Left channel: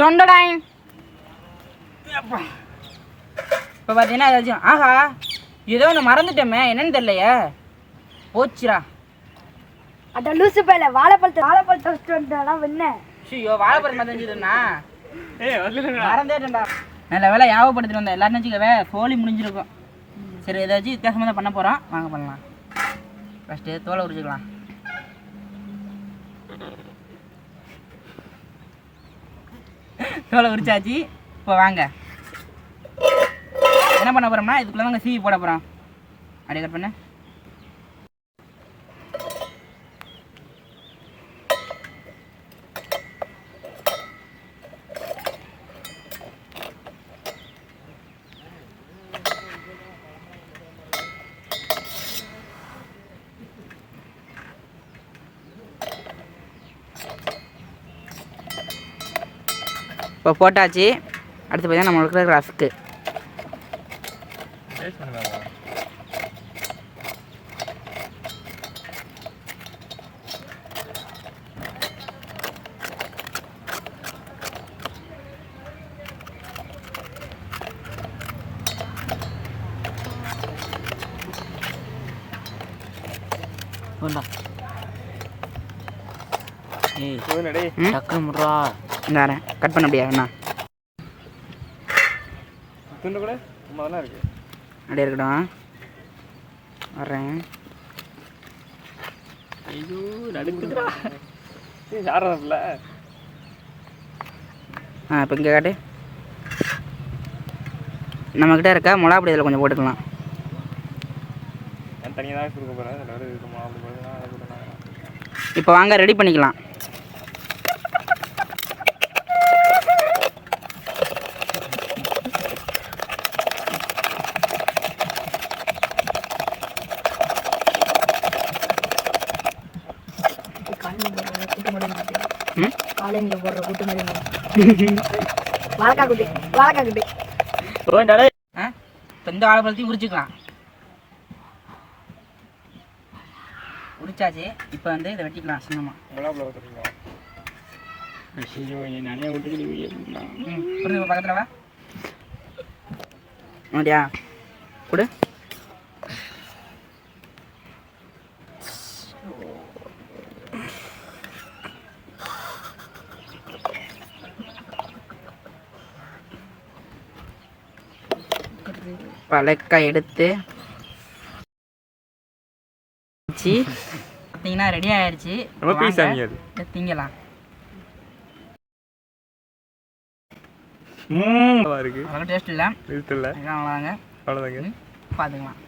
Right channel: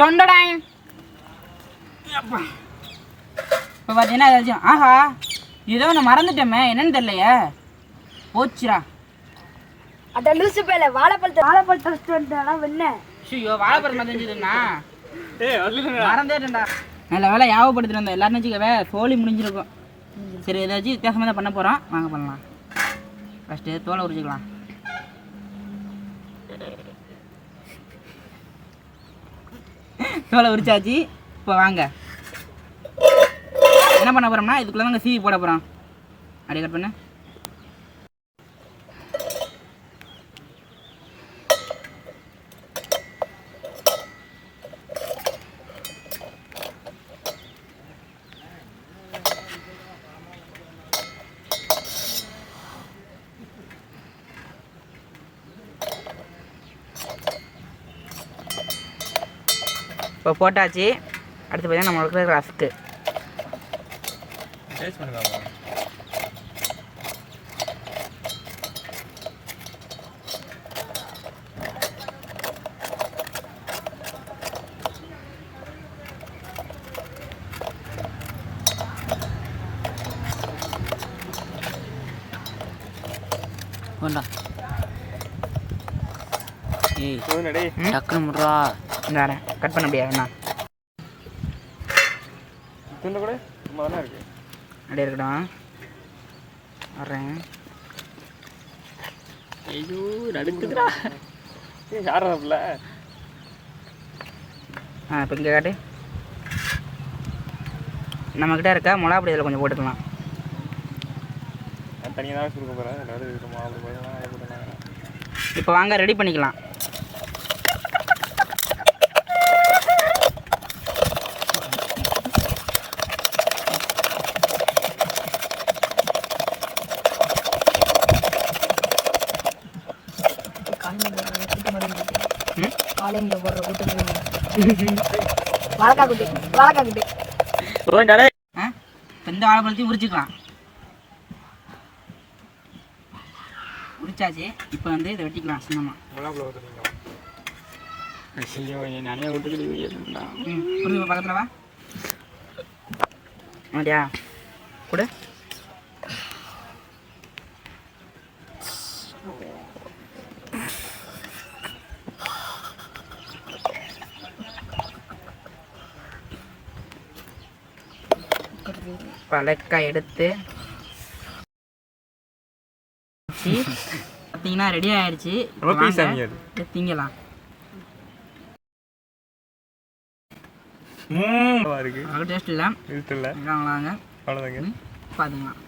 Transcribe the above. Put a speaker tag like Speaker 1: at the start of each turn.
Speaker 1: தொண்டடாய் அப்பா. இப்போ பார்த்தீங்கன்னா ஏதாச்சும் ஆஹா ஏதோ ஒன்று மறந்துட்டோமே என்னன்னு தெரியலையே. போச்சுடா.
Speaker 2: அட லூசு பையில வாழைப்பழத்தை வாழைப்பழத்தை வச்சுட்டு வந்துட்டானா வெண்ண.
Speaker 1: ஐயோ வாழைப்பழம்
Speaker 3: வந்துடுங்க
Speaker 1: மறந்தேட்டேன்டா. நல்ல வேலை ஞாபகப்படுத்திட்டு வந்தேன். எல்லாரும் வச்சுக்கவே சோழி முடிஞ்சிருக்கும். சரி ஏதாச்சும் வித்தியாசமாக தான் பண்ண போகிறோம் வாங்க பண்ணலாம். ஃபஸ்ட்டு தோலை உரிச்சுக்கலாம். தோலை உரிச்சாச்சு. இப்போ வாங்க. என்ன பண்ண போகிறோம்னா இதுக்குள்ளே தாங்க சீவி போட போகிறோம் அப்படியே கட் பண்ணு. இப்போ போட்டாச்சு. அடுத்து பார்த்தீங்கன்னா நம்ம இருக்கிற ரஸ்க்கு கொண்டா ஏய்
Speaker 3: போதும் டேய்
Speaker 1: டக்குனு முட்றா. இந்த கட் பண்ண முடியாது என்ன
Speaker 3: துண்டு கூட சும்மா தானே இருக்கு.
Speaker 1: அப்படியே இருக்கட்டும். வர்றேன்.
Speaker 3: ஐயோ நடுக்குதுடா. ஏய் யாரா பிள்ளை
Speaker 1: ஆ இப்போ இங்கே காட்டு. நம்மக்கிட்ட இருக்க மிளகா பொடி இதில் கொஞ்சம் போட்டுக்கலாம்.
Speaker 3: நான் தனியாக தான் கொடுக்க போகிறேன்
Speaker 1: இப்போ வாங்க ரெடி பண்ணிக்கலாம். ம்?
Speaker 2: காலைங்க போடுற கூட்டு மாதிரி வாழைக்கா குட்டி குட்டி
Speaker 1: இந்த வாழைப்பழத்தையும் உரிச்சுக்கலாம் உரிச்சாச்சு இப்போ வந்து இதை வெட்டிக்கலாம் சின்னமாக
Speaker 3: நிறைய
Speaker 1: பக்கத்தில் வா அப்படியா கொடு பழக்காய் எடுத்து பார்த்தீங்கன்னா ரெடி ஆயிடுச்சு திங்கலாம். டேஸ்ட் இல்லை. வாங்க பார்த்துக்கலாம்